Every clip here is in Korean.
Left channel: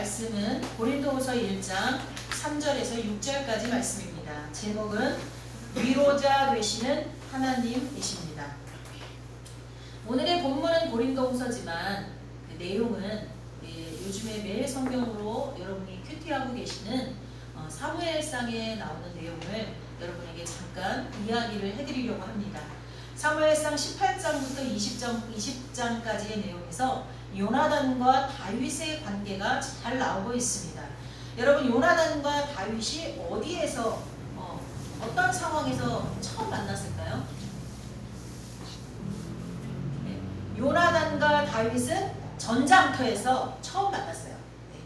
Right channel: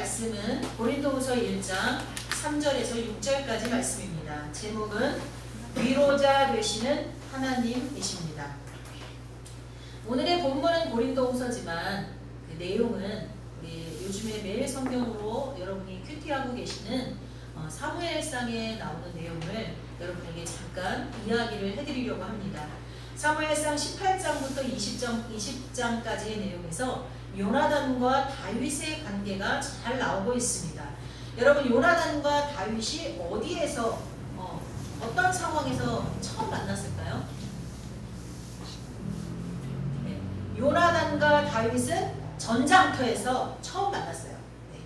말씀은 고린도후서 1장 3절에서 6절까지 말씀입니다. 제목은 위로자 되시는 하나님이십니다. 오늘의 본문은 고린도후서지만 그 내용은 요즘에 매일 성경으로 여러분이 큐티하고 계시는 사무엘상에 나오는 내용을 여러분에게 잠깐 이야기를 해드리려고 합니다. 사무엘상 18장부터 20장까지의 내용에서 요나단과 다윗의 관계가 잘 나오고 있습니다. 여러분, 요나단과 다윗이 어디에서 어떤 상황에서 처음 만났을까요? 네. 요나단과 다윗은 전장터에서 처음 만났어요. 네.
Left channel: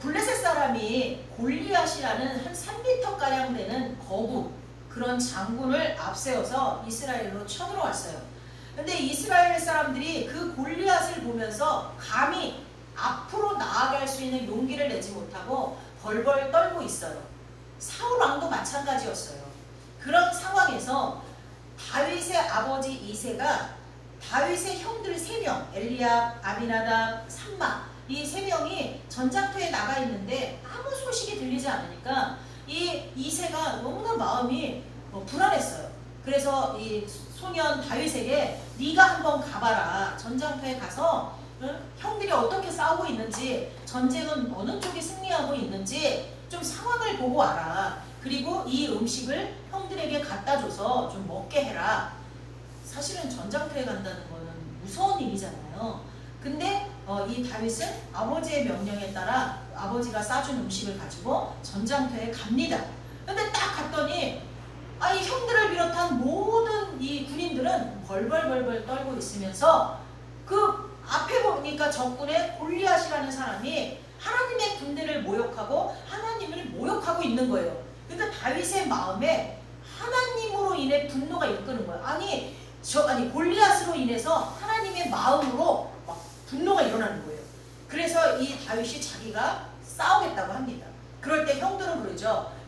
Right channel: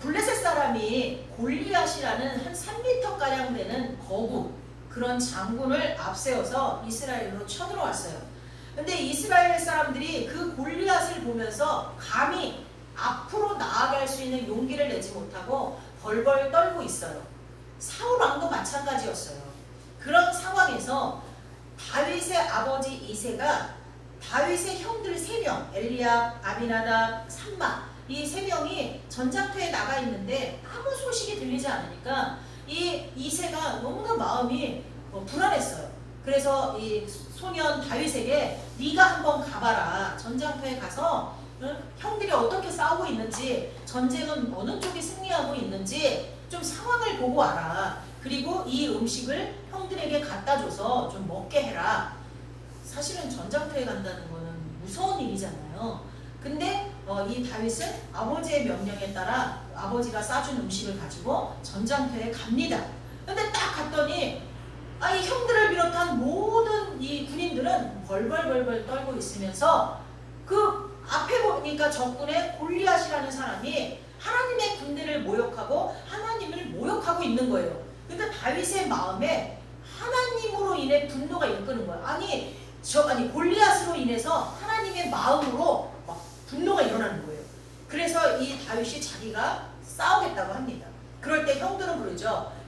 블레셋 사람이 골리앗이라는 한 3m가량 되는 거구, 그런 장군을 앞세워서 이스라엘로 쳐들어왔어요. 근데 이스라엘 사람들이 그 골리앗을 보면서 감히 앞으로 나아갈 수 있는 용기를 내지 못하고 벌벌 떨고 있어요. 사울 왕도 마찬가지였어요. 그런 상황에서 다윗의 아버지 이새가 다윗의 형들 3명, 엘리압, 아비나답, 삼마, 이 3명이 전장터에 나가 있는데 아무 소식이 들리지 않으니까 이 이새가 너무나 마음이 불안했어요. 그래서 이 소년 다윗에게 네가 한번 가봐라. 전장터에 가서 형들이 어떻게 싸우고 있는지, 전쟁은 어느 쪽이 승리하고 있는지 좀 상황을 보고 와라. 그리고 이 음식을 형들에게 갖다 줘서 좀 먹게 해라. 사실은 전장터에 간다는 거는 무서운 일이잖아요. 근데 이 다윗은 아버지의 명령에 따라 아버지가 싸준 음식을 가지고 전장터에 갑니다. 근데 딱 갔더니 이 형들을 비롯한 모든 이 군인들은 벌벌 떨고 있으면서 그 앞에 보니까 적군의 골리앗이라는 사람이 하나님의 군대를 모욕하고 하나님을 모욕하고 있는 거예요. 그러니까 다윗의 마음에 하나님으로 인해 분노가 일끄는 거예요. 아니 골리앗으로 인해서 하나님의 마음으로 막 분노가 일어나는 거예요. 그래서 이 다윗이 자기가 싸우겠다고 합니다. 그럴 때 형들은 그러죠.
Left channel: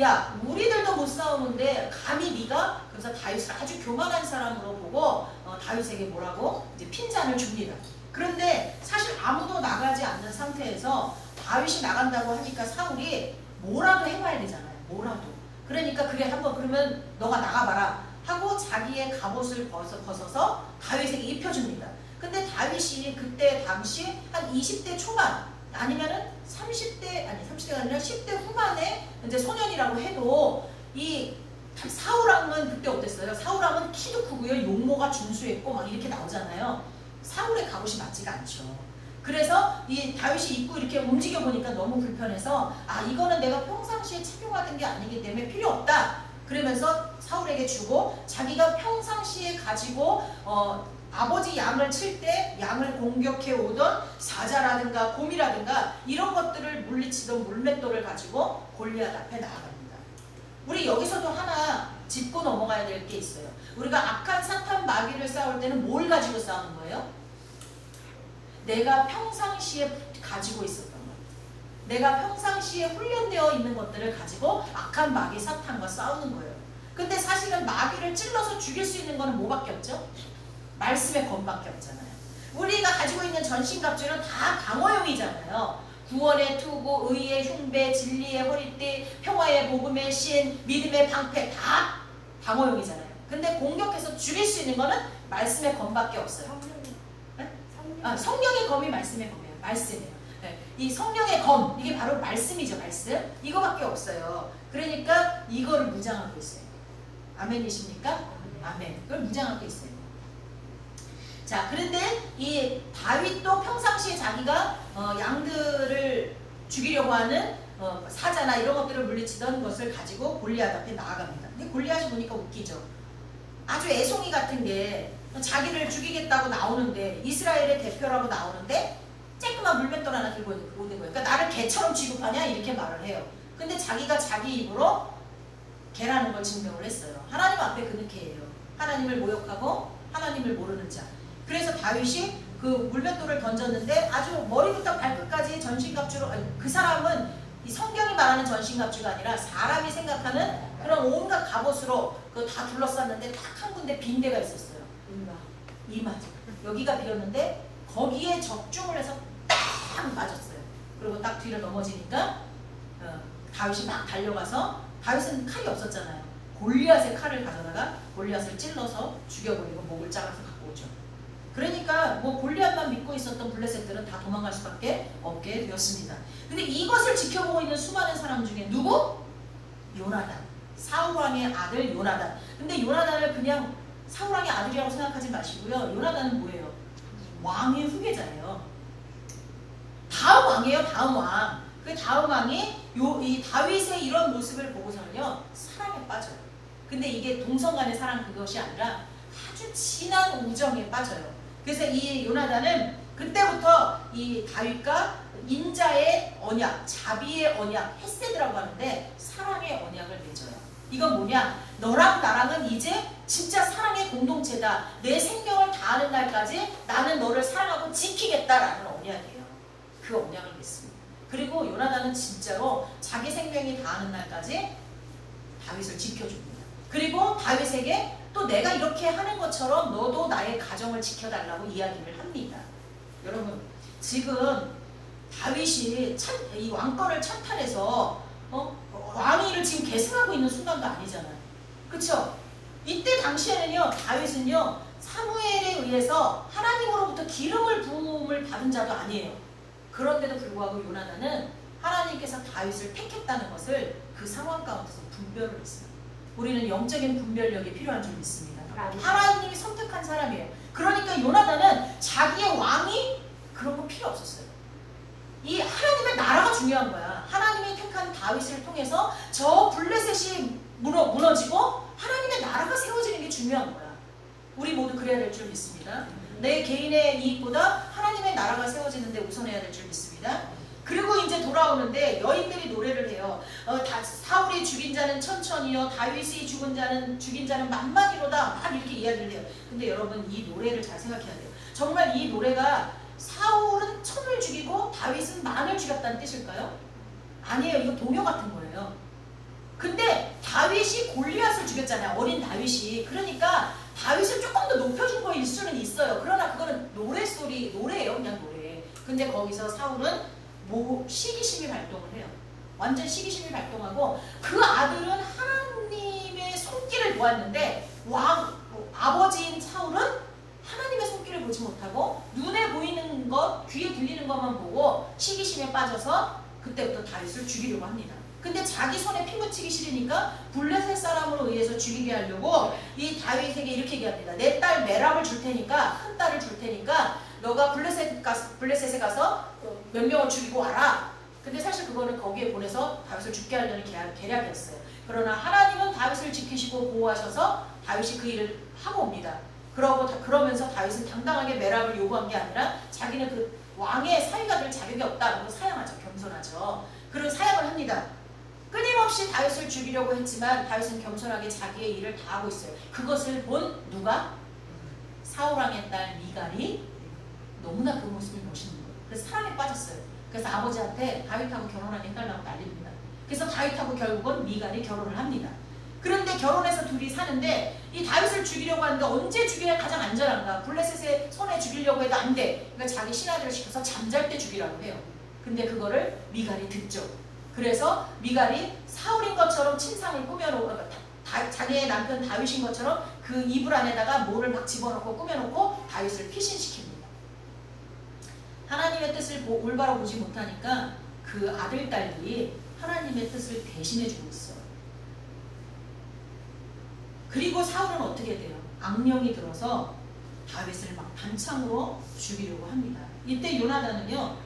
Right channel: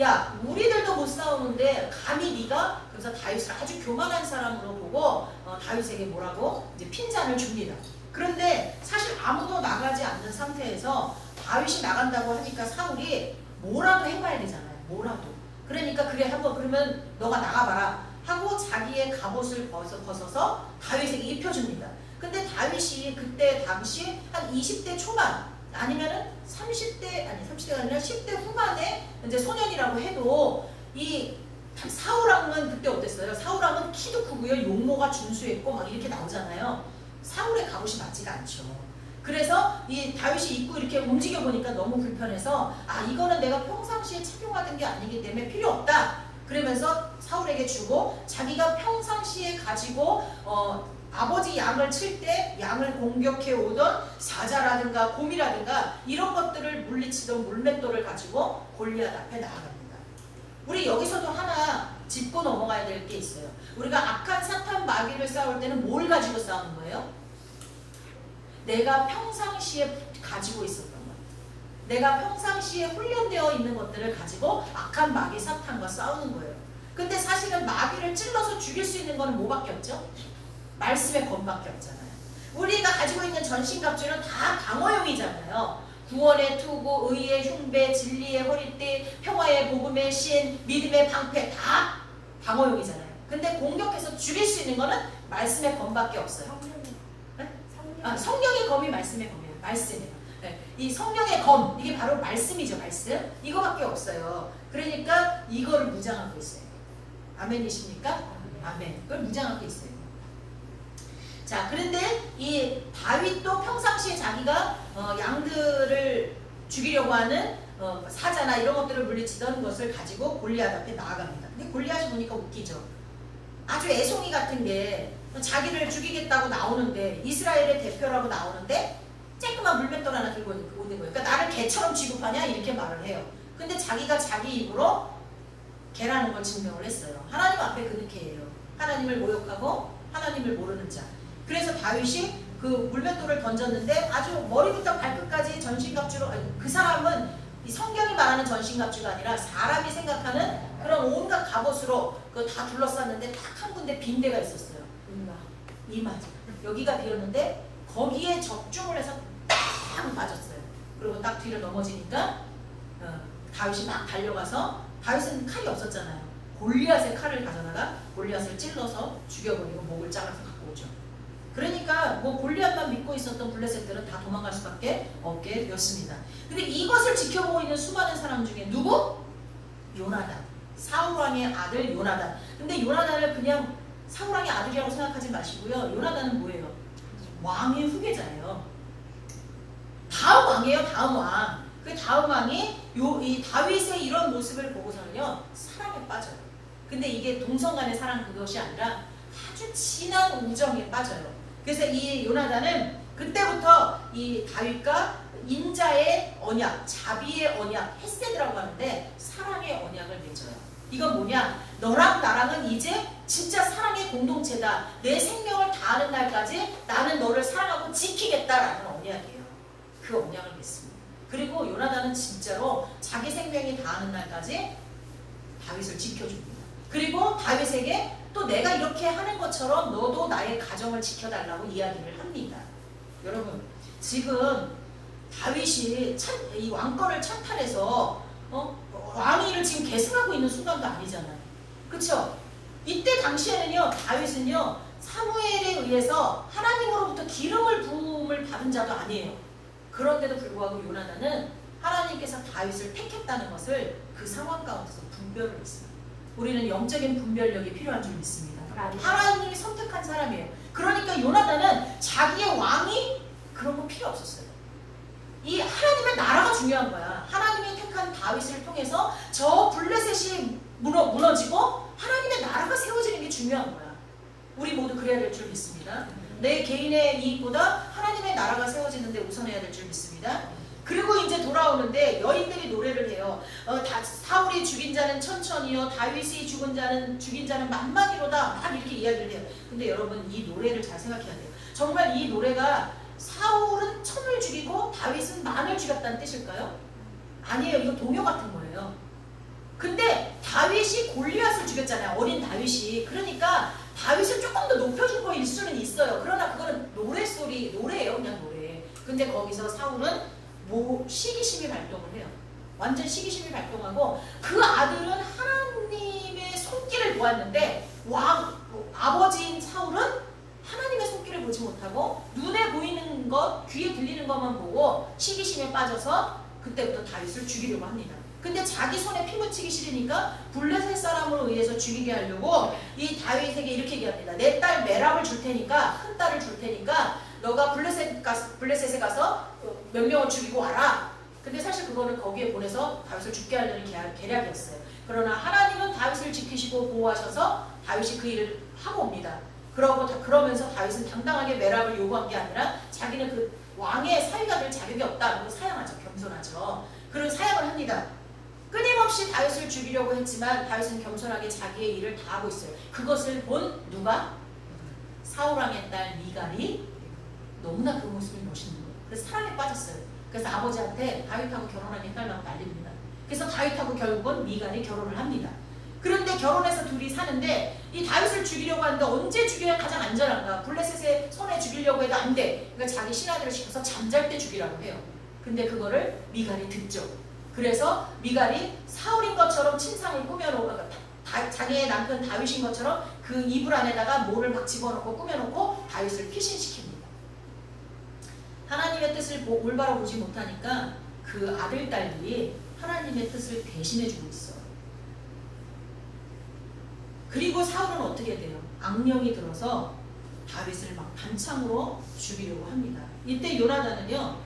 야, 우리들도 못 싸우는데 감히 네가? 그래서 다윗을 아주 교만한 사람으로 보고 다윗에게 뭐라고? 이제 핀잔을 줍니다. 그런데 사실 아무도 나가지 않는 상태에서 다윗이 나간다고 하니까 사울이 뭐라도 해봐야 되잖아요. 뭐라도. 그러니까 그래 한번 그러면 너가 나가봐라 하고 자기의 갑옷을 벗어서 다윗에게 입혀줍니다. 근데 다윗이 그때 당시 한 20대 초반 아니면은 30대가 아니라 10대 후반에 이제 소년이라고 해도 이 사울왕은 그때 어땠어요? 사울왕은 키도 크고요, 용모가 준수했고 막 이렇게 나오잖아요. 사울의 갑옷이 맞지가 않죠. 그래서 이 다윗이 입고 이렇게 움직여 보니까 너무 불편해서 이거는 내가 평상시에 착용하던 게 아니기 때문에 필요 없다. 그러면서 사울에게 주고 자기가 평상시에 가지고 아버지 양을 칠 때 양을 공격해 오던 사자라든가 곰이라든가 이런 것들을 물리치던 물맷돌을 가지고 골리앗 앞에 나아갑니다. 우리 여기서도 하나 짚고 넘어가야 될 게 있어요. 우리가 악한 사탄 마귀를 싸울 때는 뭘 가지고 싸우는 거예요? 내가 평상시에 가지고 있었던 것, 내가 평상시에 훈련되어 있는 것들을 가지고 악한 마귀 사탄과 싸우는 거예요. 근데 사실은 마귀를 찔러서 죽일 수 있는 건 뭐밖에 없죠? 말씀의 검밖에 없잖아요. 우리가 가지고 있는 전신갑주는 다 방어용이잖아요. 구원의 투구, 의의 흉배, 진리의 허리띠, 평화의 복음의 신, 믿음의 방패 다 방어용이잖아요. 근데 공격해서 죽일 수 있는 거는 말씀의 검밖에 없어요. 성령의 검이 말씀의 검이에요. 말씀이에요. 이 성령의 검, 이게 바로 말씀이죠. 말씀. 이거밖에 없어요. 그러니까 이거를 무장하고 있어요. 아멘이십니까? 아멘. 그걸 무장하고 있어요. 자, 그런데 이 다윗도 평상시에 자기가 양들을 죽이려고 하는 사자나 이런 것들을 물리치던 것을 가지고 골리앗 앞에 나아갑니다. 근데 골리앗이 보니까 웃기죠. 아주 애송이 같은 게 자기를 죽이겠다고 나오는데, 이스라엘의 대표라고 나오는데 쬐끄만 물맷돌 하나 들고 오는 거예요. 그러니까 나를 개처럼 취급하냐 이렇게 말을 해요. 근데 자기가 자기 입으로 개라는 걸 증명을 했어요. 하나님 앞에 그렇게 해요. 하나님을 모욕하고 하나님을 모르는 자. 그래서 다윗이 그 물맷돌을 던졌는데 아주 머리부터 발끝까지 전신갑주로, 그 사람은 이 성경이 말하는 전신갑주가 아니라 사람이 생각하는 그런 온갖 갑옷으로 그거 다 둘러쌌는데 딱 한 군데 빈 데가 있었어요. 이마. 여기가 비었는데 거기에 적중을 해서 딱 맞았어요. 그리고 딱 뒤로 넘어지니까 다윗이 막 달려가서, 다윗은 칼이 없었잖아요. 골리앗의 칼을 가져다가 골리앗을 찔러서 죽여버리고 목을 잘라서 갖고 오죠. 그러니까 뭐 골리앗만 믿고 있었던 블레셋들은 다 도망갈 수밖에 없게 되었습니다. 근데 이것을 지켜보고 있는 수많은 사람 중에 누구? 요나단. 사울왕의 아들 요나단. 근데 요나단을 그냥 사울왕의 아들이라고 생각하지 마시고요. 요나단은 뭐예요? 왕의 후계자예요. 다음 왕이에요. 다음 왕. 그 다음 왕이 이 다윗의 이런 모습을 보고서는요, 사랑에 빠져요. 근데 이게 동성 간의 사랑, 그것이 아니라 아주 진한 우정에 빠져요. 그래서 이 요나단은 그때부터 이 다윗과 인자의 언약, 자비의 언약, 헤세드라고 하는데 사랑의 언약을 맺어요. 이건 뭐냐? 너랑 나랑은 이제 진짜 사랑의 공동체다. 내 생명을 다하는 날까지 나는 너를 사랑하고 지키겠다라는 언약이에요. 그 언약을 맺습니다. 그리고 요나단은 진짜로 자기 생명이 다하는 날까지 다윗을 지켜줍니다. 그리고 다윗에게 또 내가 이렇게 하는 것처럼 너도 나의 가정을 지켜달라고 이야기를 합니다. 여러분, 지금 다윗이 이 왕권을 찬탈해서 왕위를 지금 계승하고 있는 순간도 아니잖아요. 그쵸? 이때 당시에는요, 다윗은요, 사무엘에 의해서 하나님으로부터 기름을 부음을 받은 자도 아니에요. 그런데도 불구하고 요나단은 하나님께서 다윗을 택했다는 것을 그 상황 가운데서 분별을 했어요. 우리는 영적인 분별력이 필요한 줄 믿습니다. 하나님이 선택한 사람이에요. 그러니까 요나단은 자기의 왕이 그런 거 필요 없었어요. 이 하나님의 나라가 중요한 거야. 하나님이 택한 다윗을 통해서 저 블레셋이 무너지고 하나님의 나라가 세워지는 게 중요한 거야. 우리 모두 그래야 될 줄 믿습니다. 내 개인의 이익보다 하나님의 나라가 세워지는데 우선해야 될 줄 믿습니다. 그리고 이제 돌아오는데 여인들이 노래를 해요. 사울이 죽인 자는 천천히요, 다윗이 죽인 자는 만만이로다. 막 이렇게 이야기를 해요. 근데 여러분, 이 노래를 잘 생각해야 돼요. 정말 이 노래가 사울은 천을 죽이고 다윗은 만을 죽였다는 뜻일까요? 아니에요. 이거 동요 같은 거예요. 근데 다윗이 골리앗을 죽였잖아요. 어린 다윗이. 그러니까 다윗을 조금 더 높여준 거일 수는 있어요. 그러나 그거는 노래예요. 그냥 노래. 근데 거기서 사울은 시기심이 발동을 해요. 완전 시기심이 발동하고 그 아들은 하나님의 손길을 보았는데 아버지인 사울은 하나님의 손길을 보지 못하고 눈에 보이는 것, 귀에 들리는 것만 보고 시기심에 빠져서 그때부터 다윗을 죽이려고 합니다. 근데 자기 손에 피 묻히기 싫으니까 블레셋 사람으로 의해서 죽이게 하려고 이 다윗에게 이렇게 얘기합니다. 내 딸 메랍을 줄 테니까, 큰 딸을 줄 테니까 너가 블레셋에 가서 몇 명을 죽이고 와라. 근데 사실 그거는 거기에 보내서 다윗을 죽게 하려는 계략이었어요. 그러나 하나님은 다윗을 지키시고 보호하셔서 다윗이 그 일을 하고 옵니다. 그러면서 다윗은 당당하게 메랍을 요구한 게 아니라 자기는 그 왕의 사위가 될 자격이 없다고 사양하죠. 겸손하죠. 그리고 사양을 합니다. 끊임없이 다윗을 죽이려고 했지만 다윗은 겸손하게 자기의 일을 다 하고 있어요. 그것을 본 누가? 사울왕의 딸 미갈이 너무나 그 모습이 멋있는 거예요. 그래서 사랑에 빠졌어요. 그래서 아버지한테 다윗하고 결혼하게 해달라고 난립니다. 그래서 다윗하고 결국은 미갈이 결혼을 합니다. 그런데 결혼해서 둘이 사는데 이 다윗을 죽이려고 하는데 언제 죽여야 가장 안전한가? 블레셋의 손에 죽이려고 해도 안 돼. 그러니까 자기 신하들을 시켜서 잠잘 때 죽이라고 해요. 근데 그거를 미갈이 듣죠. 그래서 미갈이 사울인 것처럼 침상을 꾸며놓고 자기의 남편 다윗인 것처럼 그 이불 안에다가 뭐를 막 집어넣고 꾸며놓고 다윗을 피신시킵니다. 하나님의 뜻을 올바로 보지 못하니까 그 아들, 딸이 하나님의 뜻을 대신해주고 있어요. 그리고 사울은 어떻게 돼요? 악령이 들어서 다윗을 막 단창으로 죽이려고 합니다. 이때 요나단은요,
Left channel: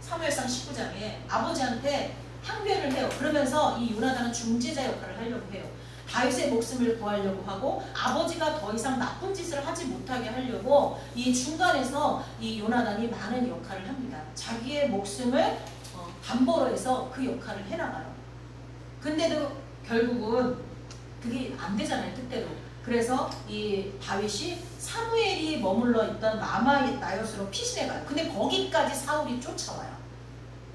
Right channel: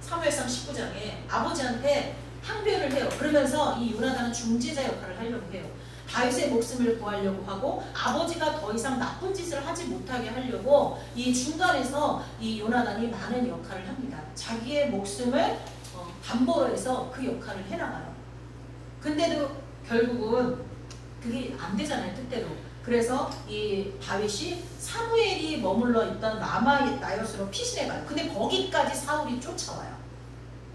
사무엘상 19장에 아버지한테 항변을 해요. 그러면서 이 요나단은 중재자 역할을 하려고 해요. 다윗의 목숨을 구하려고 하고 아버지가 더 이상 나쁜 짓을 하지 못하게 하려고 이 중간에서 이 요나단이 많은 역할을 합니다. 자기의 목숨을 담보로 해서 그 역할을 해나가요. 근데도 결국은 그게 안 되잖아요. 뜻대로. 그래서 이 다윗이 사무엘이 머물러 있던 라마 나요스로 피신해 가요. 근데 거기까지 사울이 쫓아와요.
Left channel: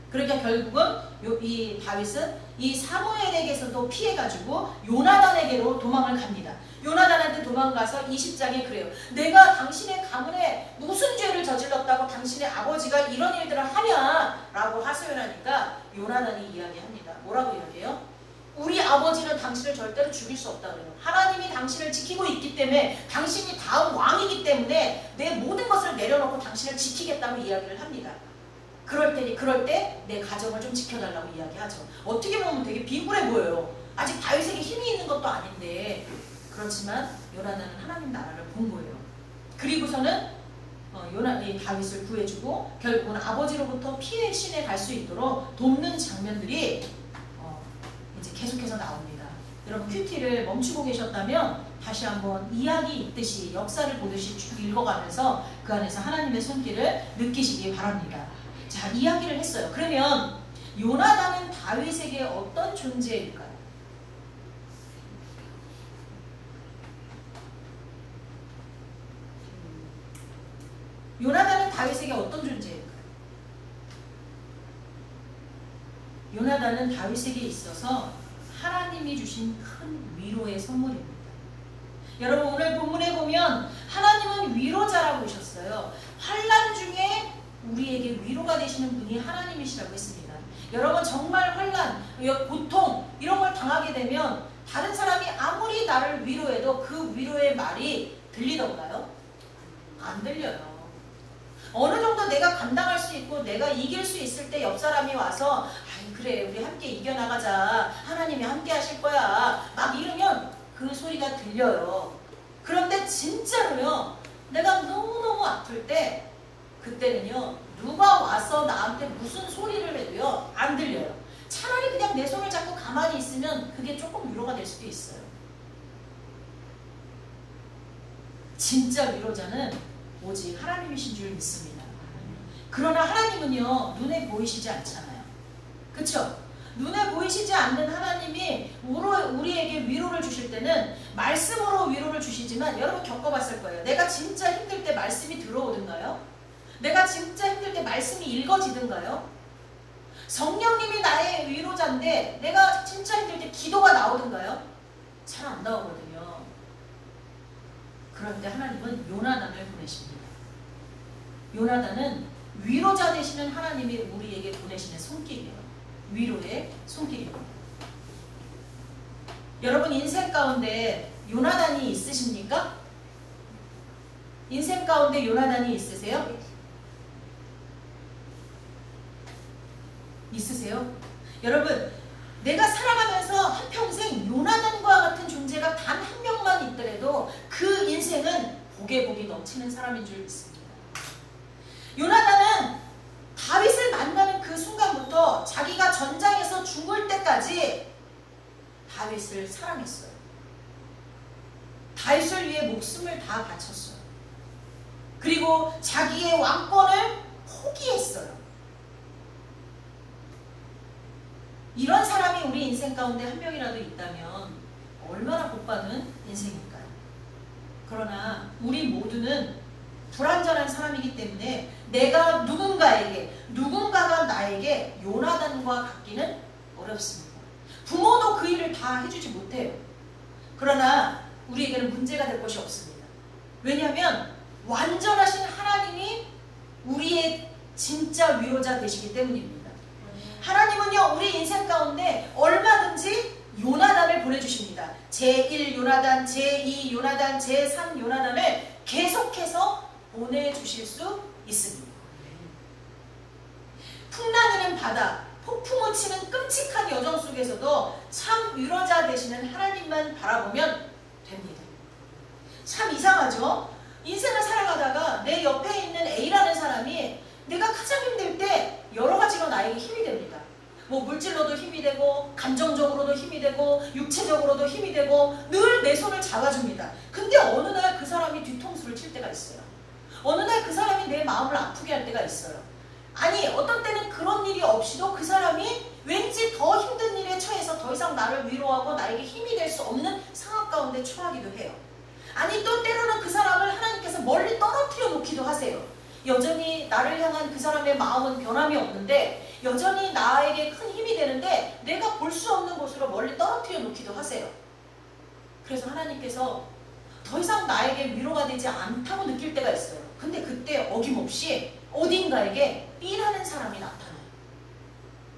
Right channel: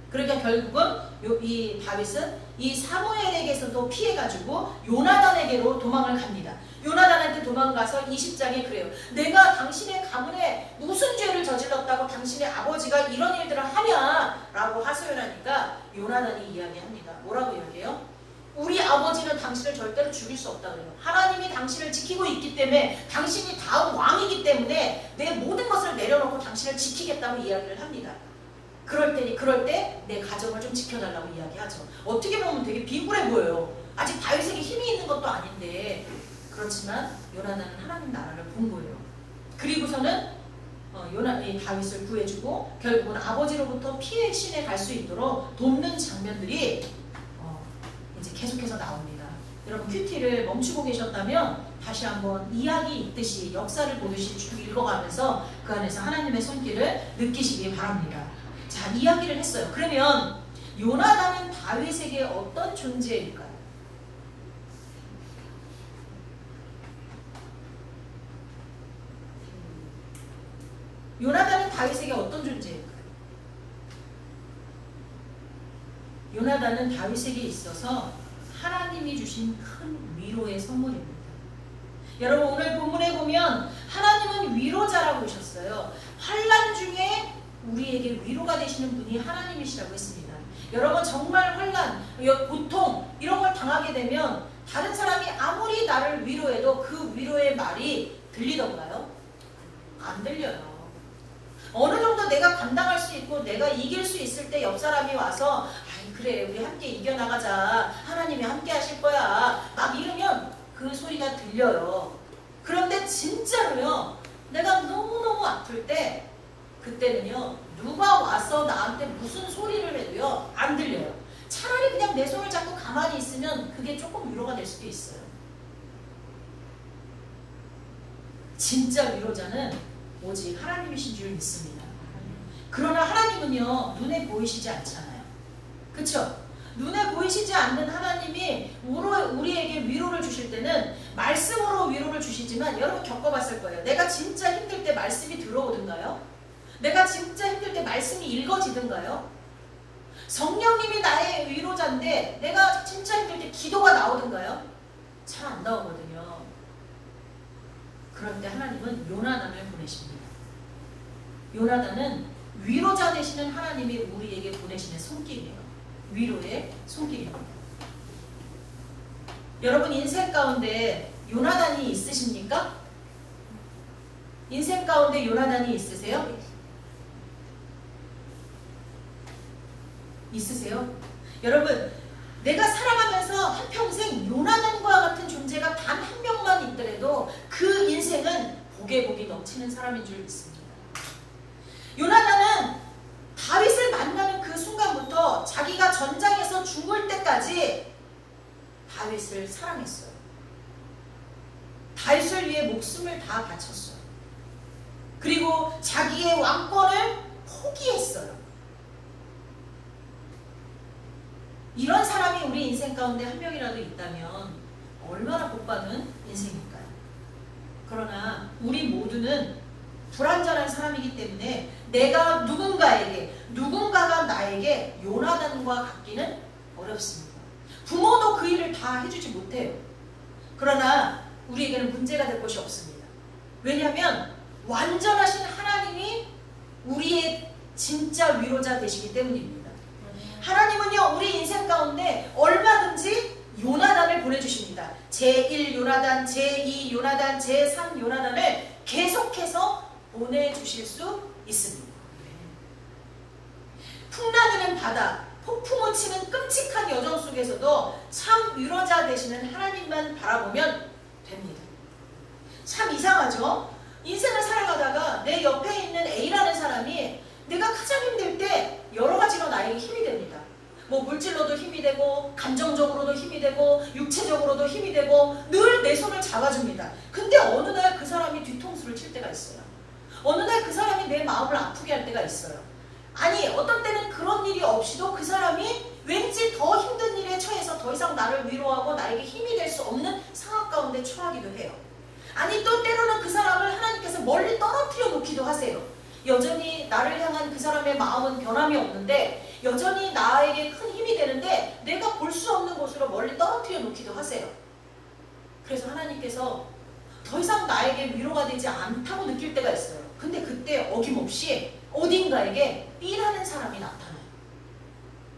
그러니까 결국은 이 다윗은 이 사무엘에게서도 피해가지고 요나단에게로 도망을 갑니다. 요나단한테 도망가서 20장에 그래요. 내가 당신의 가문에 무슨 죄를 저질렀다고 당신의 아버지가 이런 일들을 하냐 라고 하소연하니까 요나단이 이야기합니다. 뭐라고 이야기해요? 우리 아버지는 당신을 절대로 죽일 수 없다고요. 하나님이 당신을 지키고 있기 때문에 당신이 다음 왕이기 때문에 내 모든 것을 내려놓고 당신을 지키겠다고 이야기를 합니다. 그럴 때 내 가정을 좀 지켜달라고 이야기하죠. 어떻게 보면 되게 비굴해 보여요. 아직 다윗에게 힘이 있는 것도 아닌데 그렇지만 요나단은 하나님 나라를 본 거예요. 그리고서는 다윗을 구해주고 결국은 아버지로부터 피해 신에 갈 수 있도록 돕는 장면들이 이제 계속해서 나옵니다. 여러분 큐티를 멈추고 계셨다면 다시 한번 이야기 읽듯이 역사를 보듯이 쭉 읽어가면서 그 안에서 하나님의 손길을 느끼시기 바랍니다. 자, 이야기를 했어요. 그러면 요나단은 다윗에게 어떤 존재일까요? 요나단은 다윗에게 어떤 존재일까요? 요나단은 다윗에게 있어서 하나님이 주신 큰 위로의 선물입니다. 여러분 오늘 본문에 보면 하나님은 위로자라고 하셨어요. 환난 중에 우리에게 위로가 되시는 분이 하나님이시라고 했습니다. 여러분 정말 환난, 고통 이런 걸 당하게 되면 다른 사람이 아무리 나를 위로해도 그 위로의 말이 들리던가요? 안 들려요. 어느 정도 내가 감당할 수 있고 내가 이길 수 있을 때 옆 사람이 와서 그래 우리 함께 이겨나가자 하나님이 함께 하실 거야 막 이러면 그 소리가 들려요. 그런데 진짜로요 내가 너무너무 아플 때 그때는요 누가 와서 나한테 무슨 소리를 해도요 안 들려요. 차라리 그냥 내 손을 잡고 가만히 있으면 그게 조금 위로가 될 수도 있어요. 진짜 위로자는 오직 하나님이신 줄 믿습니다. 그러나 하나님은요 눈에 보이시지 않잖아요. 그쵸? 눈에 보이시지 않는 하나님이 우리에게 위로를 주실 때는 말씀으로 위로를 주시지만 여러분 겪어봤을 거예요. 내가 진짜 힘들 때 말씀이 들어오던가요? 내가 진짜 힘들 때 말씀이 읽어지던가요? 성령님이 나의 위로자인데 내가 진짜 힘들 때 기도가 나오던가요? 잘 안 나오거든요. 그런데 하나님은 요나단을 보내십니다. 요나단은 위로자 되시는 하나님이 우리에게 보내시는 손길이에요. 위로의 손길입니다. 여러분 인생 가운데 요나단이 있으십니까? 인생 가운데 요나단이 있으세요? 있으세요? 여러분 내가 살아가면서 한평생 요나단과 같은 존재가 단 한 명만 있더라도 그 인생은 복에 복이 넘치는 사람인 줄 믿습니다. 요나단은 다윗을 만나는 그 순간부터 자기가 전장에서 죽을 때까지 다윗을 사랑했어요. 다윗을 위해 목숨을 다 바쳤어요. 그리고 자기의 왕권을 포기했어요. 이런 사람이 우리 인생 가운데 한 명이라도 있다면 얼마나 복받은 인생일까요? 그러나 우리 모두는 불완전한 사람이기 때문에 내가 누군가가 나에게 요나단과 같기는 어렵습니다. 부모도 그 일을 다 해주지 못해요. 그러나 우리에게는 문제가 될 것이 없습니다. 왜냐하면 완전하신 하나님이 우리의 진짜 위로자 되시기 때문입니다. 하나님은요 우리 인생 가운데 얼마든지 요나단을 보내주십니다. 제1 요나단, 제2 요나단, 제3 요나단을 계속해서 보내주실 수 있습니다. 풍랑이는 바다, 폭풍우 치는 끔찍한 여정 속에서도 참 위로자 되시는 하나님만 바라보면 됩니다. 참 이상하죠? 인생을 살아가다가 내 옆에 있는 A라는 사람이 내가 가장 힘들 때 여러 가지로 나에게 힘이 됩니다. 뭐 물질로도 힘이 되고 감정적으로도 힘이 되고 육체적으로도 힘이 되고 늘 내 손을 잡아줍니다. 근데 어느 날 그 사람이 뒤통수를 칠 때가 있어요. 어느 날 그 사람이 내 마음을 아프게 할 때가 있어요. 아니 어떤 때는 그런 일이 없이도 그 사람이 왠지 더 힘든 일에 처해서 더 이상 나를 위로하고 나에게 힘이 될 수 없는 상황 가운데 처하기도 해요. 아니 또 때로는 그 사람을 하나님께서 멀리 떨어뜨려 놓기도 하세요. 여전히 나를 향한 그 사람의 마음은 변함이 없는데 여전히 나에게 큰 힘이 되는데 내가 볼 수 없는 곳으로 멀리 떨어뜨려 놓기도 하세요. 그래서 하나님께서 더 이상 나에게 위로가 되지 않다고 느낄 때가 있어요. 근데 그때 어김없이 어딘가에게 B라는 사람이 나타나요.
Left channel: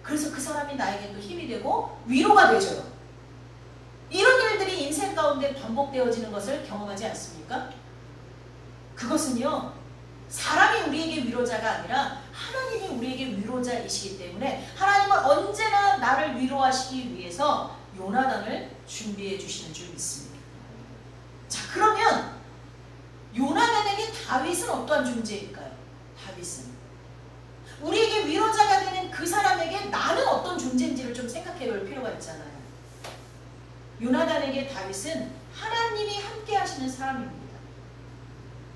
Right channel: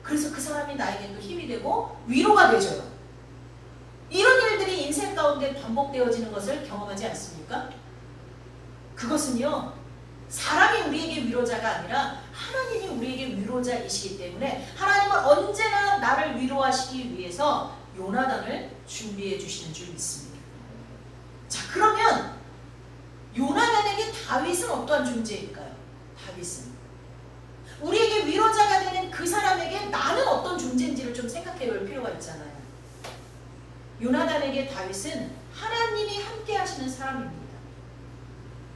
그래서 그 사람이 나에게 또 힘이 되고 위로가 되죠. 이런 일들이 인생 가운데 반복되어지는 것을 경험하지 않습니까? 그것은요, 사람이 우리에게 위로자가 아니라 하나님이 우리에게 위로자이시기 때문에 하나님은 언제나 나를 위로하시기 위해서 요나단을 준비해 주시는 줄 믿습니다. 자, 그러면 요나단에게 다윗은 어떠한 존재일까요? 다윗은 우리에게 위로자가 되는 그 사람에게 나는 어떤 존재인지를 좀 생각해 볼 필요가 있잖아요. 요나단에게 다윗은 하나님이 함께 하시는 사람입니다.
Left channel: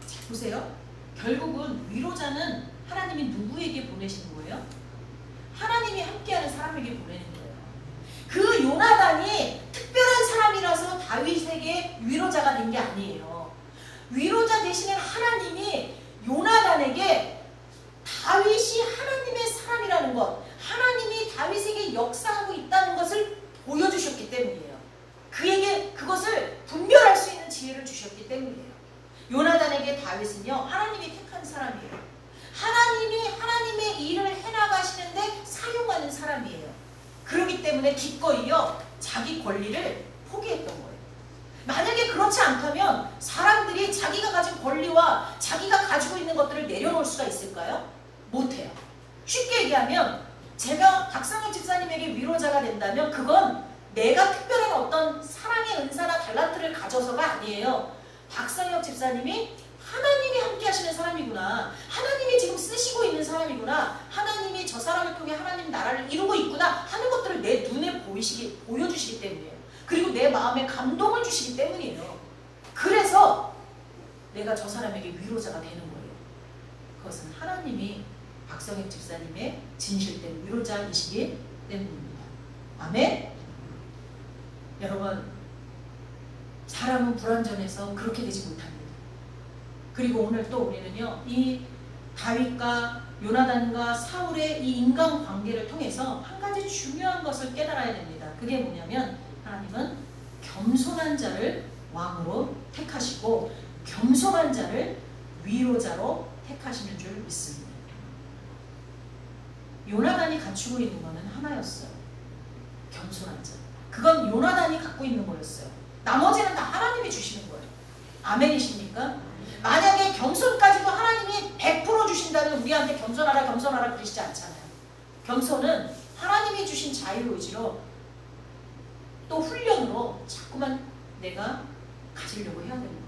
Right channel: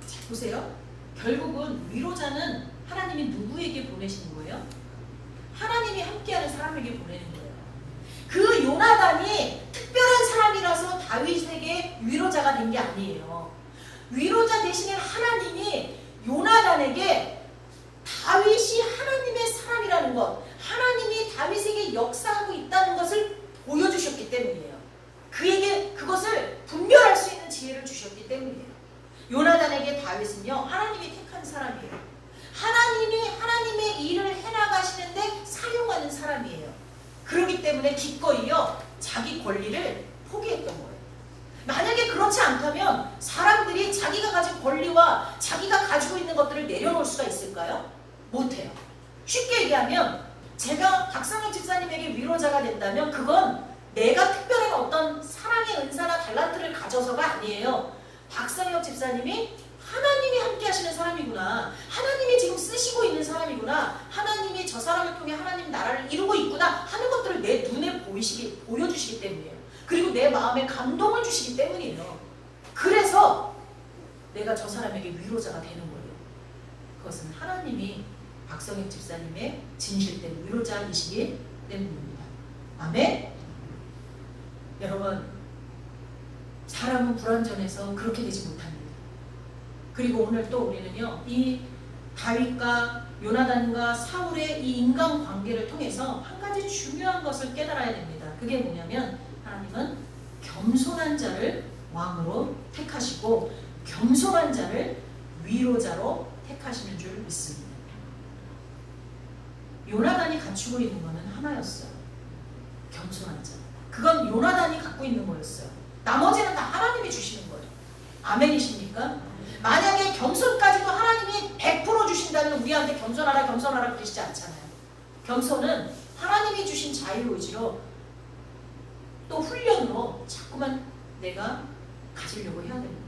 자, 보세요. 결국은 위로자는 하나님이 누구에게 보내신 거예요? 하나님이 함께하는 사람에게 보내는 거예요. 그 요나단이 특별한 사람이라서 다윗에게 위로자가 된 게 아니에요. 위로자 대신에 하나님이 요나단에게 다윗이 하나님의 사람이라는 것, 하나님이 다윗에게 역사하고 있다는 것을 보여주셨기 때문이에요. 그에게 그것을 분별할 수 있는 지혜를 주셨기 때문이에요. 요나단에게 다윗은요, 하나님이 택한 사람이에요. 하나님이 하나님의 일을 해나가시는데 사용하는 사람이에요. 그렇기 때문에 기꺼이요, 자기 권리를 포기했던 거예요. 만약에 그렇지 않다면 사람들이 자기가 가진 권리와 자기가 가지고 있는 것들을 내려놓을 수가 있을까요? 못해요. 쉽게 얘기하면 제가 박상혁 집사님에게 위로자가 된다면 그건 내가 특별한 어떤 사랑의 은사나 달란트를 가져서가 아니에요. 박상혁 집사님이 하나님이 함께 하시는 사람이구나. 하나님이 지금 쓰시고 있는 사람이구나. 하나님이 저 사람을 통해 하나님 나라를 이루고 있구나 하는 것들을 내 눈에 보여주시기 때문이에요. 그리고 내 마음에 감동을 주시기 때문이에요. 그래서 내가 저 사람에게 위로자가 되는 거예요. 그것은 하나님이 박성혁 집사님의 진실된 위로자이시기 때문입니다. 아멘? 여러분, 사람은 불완전해서 그렇게 되지 못합니다. 그리고 오늘 또 우리는요, 이 다윗과 요나단과 사울의 이 인간관계를 통해서 한 가지 중요한 것을 깨달아야 됩니다. 그게 뭐냐면 하나님은 겸손한 자를 왕으로 택하시고 겸손한 자를 위로자로 택하시는 줄 믿습니다. 요나단이 갖추고 있는 것은 하나였어요. 겸손한 자. 그건 요나단이 갖고 있는 거였어요. 나머지는 다 하나님이 주시는 거예요. 아멘이십니까? 만약에 겸손까지도 하나님이 100% 주신다면 우리한테 겸손하라 겸손하라 그러시지 않잖아요. 겸손은 하나님이 주신 자유의지로 또 훈련으로 자꾸만 내가 가지려고 해야 됩니다.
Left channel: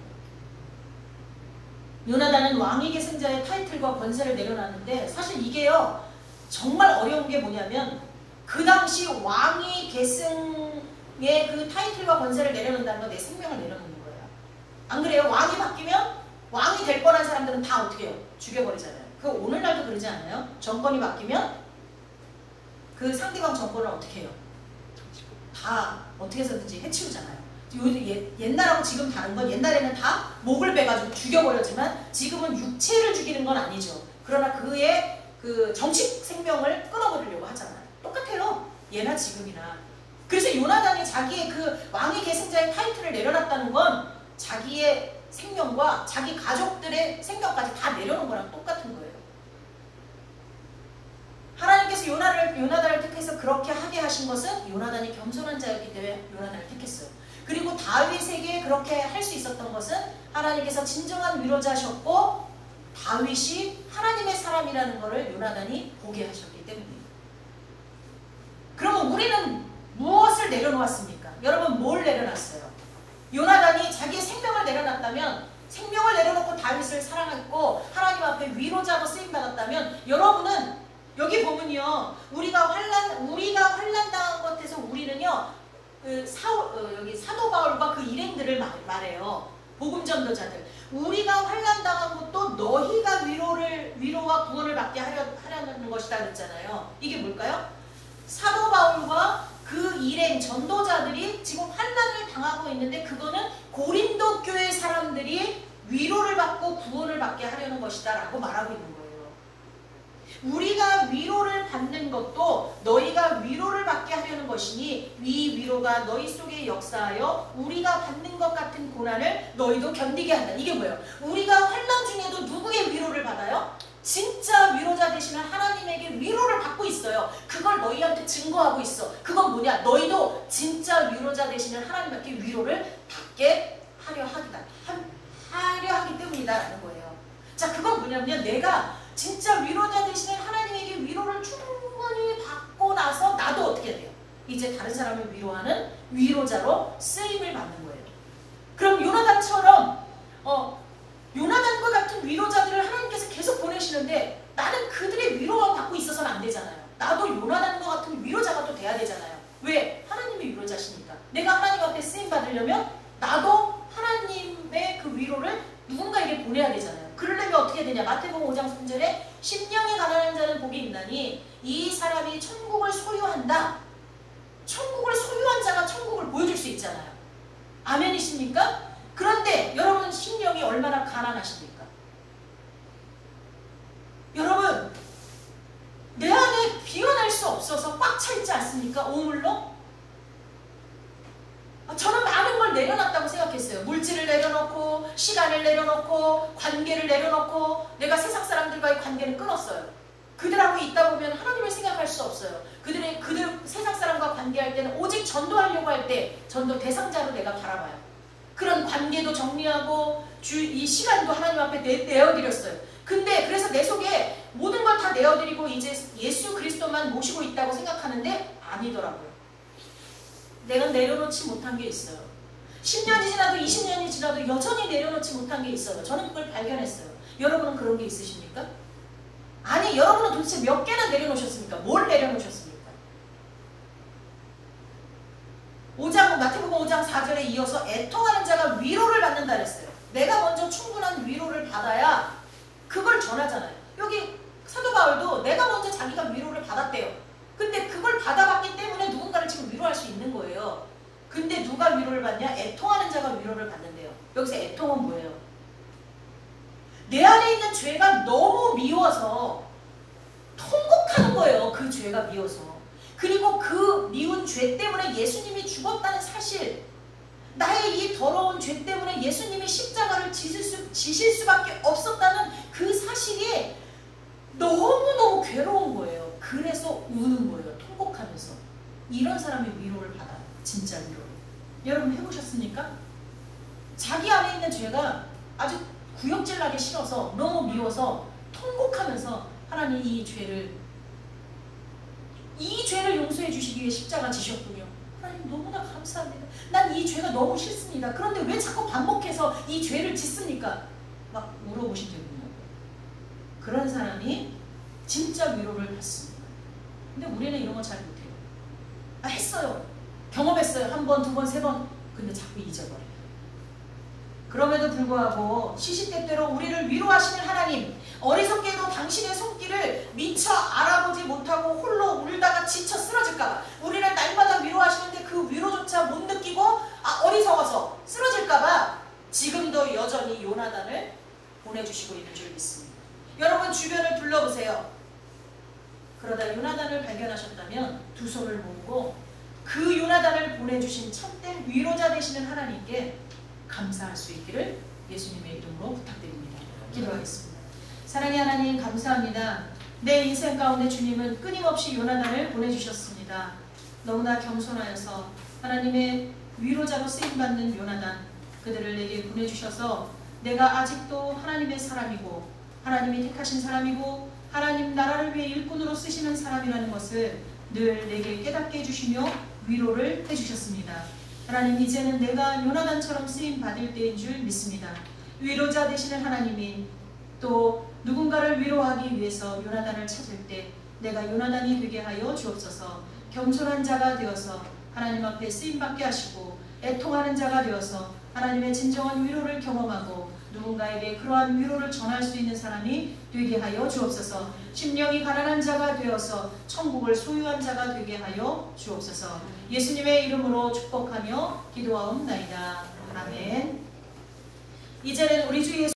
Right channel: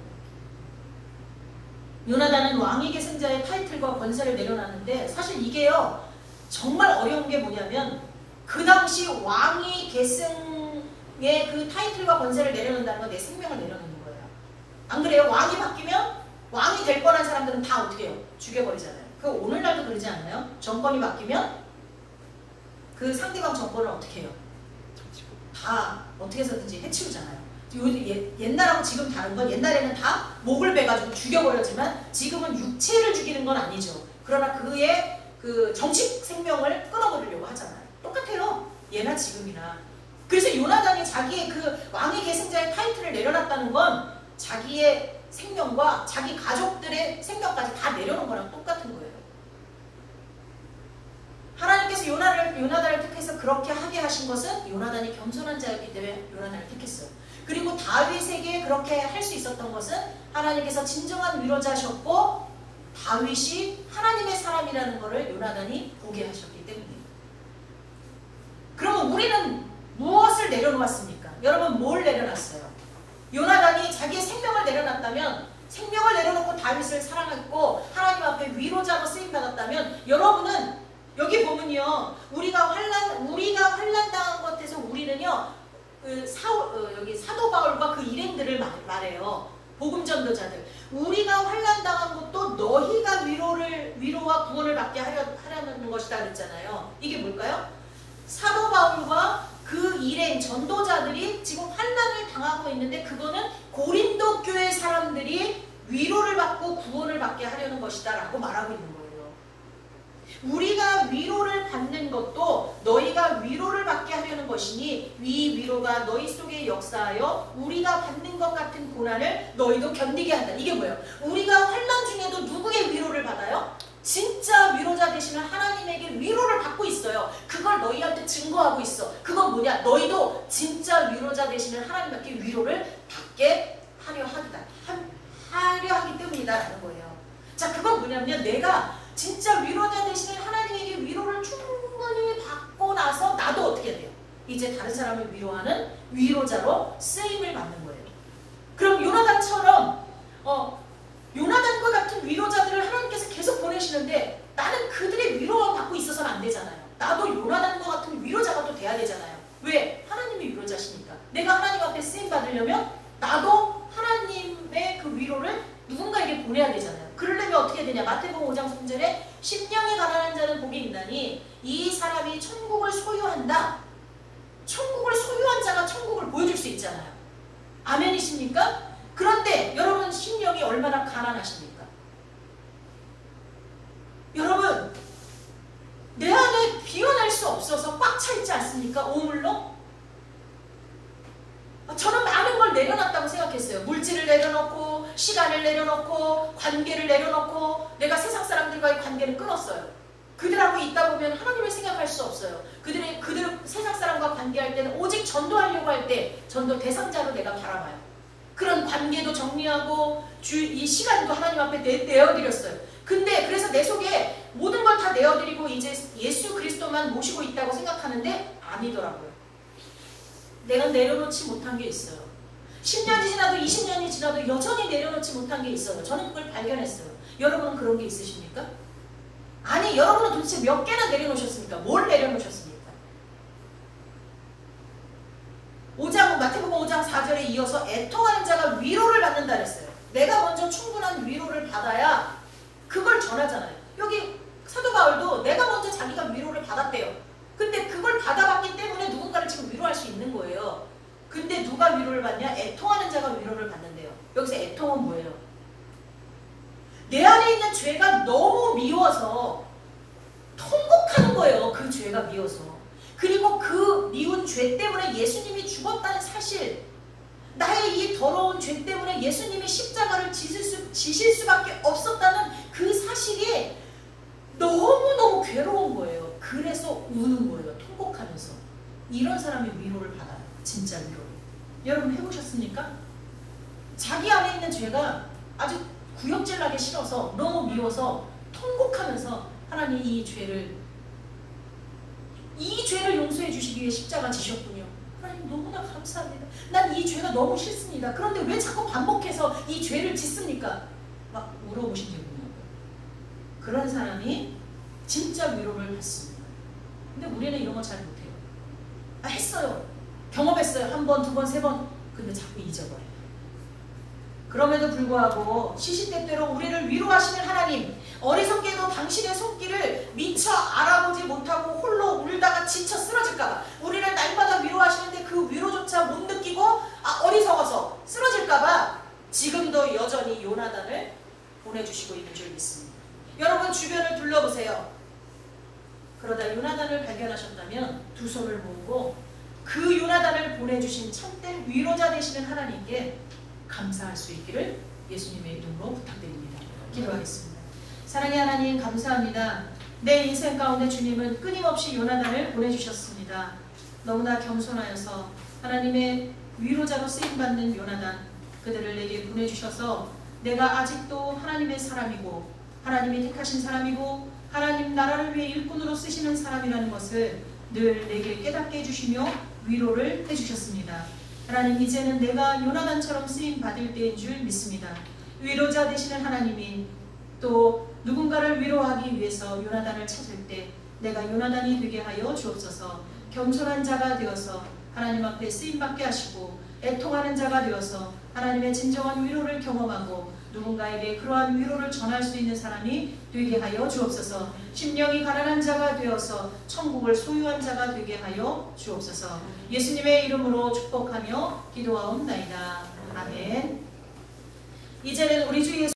요나단은 왕위 계승자의 타이틀과 권세를 내려놨는데 사실 이게요 정말 어려운 게 뭐냐면 그 당시 왕위 계승의 그 타이틀과 권세를 내려놓는다는 건 내 생명을 내려놓는 거예요. 안 그래요? 왕이 바뀌면 왕이 될 뻔한 사람들은 다 어떻게 해요? 죽여버리잖아요. 그 오늘날도 그러지 않아요? 정권이 바뀌면 그 상대방 정권을 어떻게 해요? 다 어떻게 해서든지 해치우잖아요. 옛날하고 지금 다른 건 옛날에는 다 목을 베가지고 죽여버렸지만 지금은 육체를 죽이는 건 아니죠. 그러나 그의 그 정식 생명을 끊어버리려고 하잖아요. 똑같아요. 예나 지금이나. 그래서 요나단이 자기의 그 왕위 계승자의 타이틀을 내려놨다는 건 자기의 생명과 자기 가족들의 생명까지 다 내려놓은 거랑 똑같은 거예요. 하나님께서 요나단을 택해서 그렇게 하게 하신 것은 요나단이 겸손한 자였기 때문에 요나단을 택했어요. 그리고 다윗에게 그렇게 할 수 있었던 것은 하나님께서 진정한 위로자셨고 다윗이 하나님의 사람이라는 것을 요나단이 보게 하셨기 때문이에요. 그러면 우리는 무엇을 내려놓았습니까? 여러분 뭘 내려놨어요? 요나단이 자기의 생명을 내려놨다면 생명을 내려놓고 다윗을 사랑했고 하나님 앞에 위로자로 쓰임받았다면 여러분은 여기 보면요 우리가 환난당한 것에서 우리는요 여기 사도 바울과 그 일행들을 말해요. 복음 전도자들. 우리가 환난당한 것도 너희가 위로와 구원을 받게 하려는 것이다 그랬잖아요. 이게 뭘까요? 사도 바울과 그 일행 전도자들이 지금 환난을 당하고 있는데 그거는 고린도 교회 사람들이 위로를 받고 구원을 받게 하려는 것이다 라고 말하고 있는 거예요. 우리가 위로를 받는 것도 너희가 위로를 받게 하려는 것이니 이 위로가 너희 속에 역사하여 우리가 받는 것 같은 고난을 너희도 견디게 한다. 이게 뭐예요? 우리가 환난 중에도 누구의 위로를 받아요? 진짜 위로자 되시는 하나님에게 위로를 받고 있어요. 그걸 너희한테 증거하고 있어. 그건 뭐냐? 너희도 진짜 위로자 되시는 하나님께 위로를 받게 하려 하기 때문이다라는 거예요. 자, 그건 뭐냐면 내가 진짜 위로자 되시는 하나님에게 위로를 충분히 받고 나서 나도 어떻게 돼요? 이제 다른 사람을 위로하는 위로자로 쓰임을 받는 거예요. 그럼 요나단처럼 요나단과 같은 위로자들을 하나님께서 계속 보내시는데 나는 그들의 위로만 받고 있어서는 안 되잖아요. 나도 요나단과 같은 위로자가 또 돼야 되잖아요. 왜? 하나님의 위로자시니까. 내가 하나님 앞에 쓰임 받으려면 나도 하나님의 그 위로를 누군가에게 보내야 되잖아요. 그러려면 어떻게 되냐? 마태복음 5장 3절에 심령이 가난한 자는 복이 있나니 이 사람이 천국을 소유한다. 천국을 소유한 자가 천국을 보여줄 수 있잖아요. 아멘이십니까? 그런데 여러분 심령이 얼마나 가난하십니까? 여러분 내 안에 비워낼 수 없어서 꽉 차 있지 않습니까? 오물로? 저는 많은 걸 내려놨다고 생각했어요. 물질을 내려놓고 시간을 내려놓고 관계를 내려놓고 내가 세상 사람들과의 관계를 끊었어요. 그들하고 있다 보면 하나님을 생각할 수 없어요. 그들 세상 사람과 관계할 때는 오직 전도하려고 할 때 전도 대상자로 내가 바라봐요. 그런 관계도 정리하고 이 시간도 하나님 앞에 내어드렸어요. 근데 그래서 내 속에 모든 걸 다 내어드리고 이제 예수 그리스도만 모시고 있다고 생각하는데 아니더라고요. 내가 내려놓지 못한 게 있어요. 10년이 지나도 20년이 지나도 여전히 내려놓지 못한 게 있어요. 저는 그걸 발견했어요. 여러분은 그런 게 있으십니까? 아니, 여러분은 도대체 몇 개나 내려놓으셨습니까? 뭘 내려놓으셨습니까? 마태복음 5장 4절에 이어서 애통하는 자가 위로를 받는다 그랬어요. 내가 먼저 충분한 위로를 받아야 그걸 전하잖아요. 여기 사도 바울도 내가 먼저 자기가 위로를 받았대요. 근데 그걸 받아봤기 때문에 누군가를 지금 위로할 수 있는 거예요. 근데 누가 위로를 받냐? 애통하는 자가 위로를 받는데요. 여기서 애통은 뭐예요? 내 안에 있는 죄가 너무 미워서 통곡하는 거예요. 그 죄가 미워서. 그리고 그 미운 죄 때문에 예수님이 죽었다는 사실, 나의 이 더러운 죄 때문에 예수님이 십자가를 지실 수밖에 없었다는 그 사실이 너무너무 괴로운 거예요. 그래서 우는 거예요. 통곡하면서. 이런 사람이 위로를 받아요. 진짜 위로를. 여러분 해보셨습니까? 자기 안에 있는 죄가 아주 구역질나게 싫어서 너무 미워서 통곡하면서 하나님 이 죄를 용서해 주시기 위해 십자가 지셨군요. 하나님 너무나 감사합니다. 난 이 죄가 너무 싫습니다. 그런데 왜 자꾸 반복해서 이 죄를 짓습니까? 막 물어보신 적이 있나요? 그런 사람이 진짜 위로를 받습니다. 근데 우리는 이런 거 잘 못해요. 했어요. 경험했어요. 한 번, 두 번, 세 번. 근데 자꾸 잊어버려요. 그럼에도 불구하고 시시때때로 우리를 위로하시는 하나님, 어리석게도 당신의 손길을 미처 알아보지 못하고 홀로 울다가 지쳐 쓰러질까봐, 우리를 날마다 위로하시는데 그 위로조차 못 느끼고 어리석어서 쓰러질까봐 지금도 여전히 요나단을 보내주시고 있는 줄 믿습니다. 여러분 주변을 둘러보세요. 그러다 요나단을 발견하셨다면 두 손을 모으고 그 요나단을 보내주신 참된 위로자 되시는 하나님께 감사할 수 있기를 예수님의 이름으로 부탁드립니다. 기도하겠습니다. 사랑의 하나님 감사합니다. 내 인생 가운데 주님은 끊임없이 요나단을 보내주셨습니다. 너무나 겸손하여서 하나님의 위로자로 쓰임받는 요나단, 그들을 내게 보내주셔서 내가 아직도 하나님의 사람이고 하나님이 택하신 사람이고 하나님 나라를 위해 일꾼으로 쓰시는 사람이라는 것을 늘 내게 깨닫게 해주시며 위로를 해주셨습니다. 하나님 이제는 내가 요나단처럼 쓰임받을 때인 줄 믿습니다. 위로자 되시는 하나님이 또 누군가를 위로하기 위해서 요나단을 찾을 때 내가 요나단이 되게 하여 주옵소서. 겸손한 자가 되어서 하나님 앞에 쓰임받게 하시고 애통하는 자가 되어서 하나님의 진정한 위로를 경험하고 누군가에게 그러한 위로를 전할 수 있는 사람이 되게 하여 주옵소서. 심령이 가난한 자가 되어서 천국을 소유한 자가 되게 하여 주옵소서. 예수님의 이름으로 축복하며 기도하옵나이다. 아멘. 이제는 우리 주 예수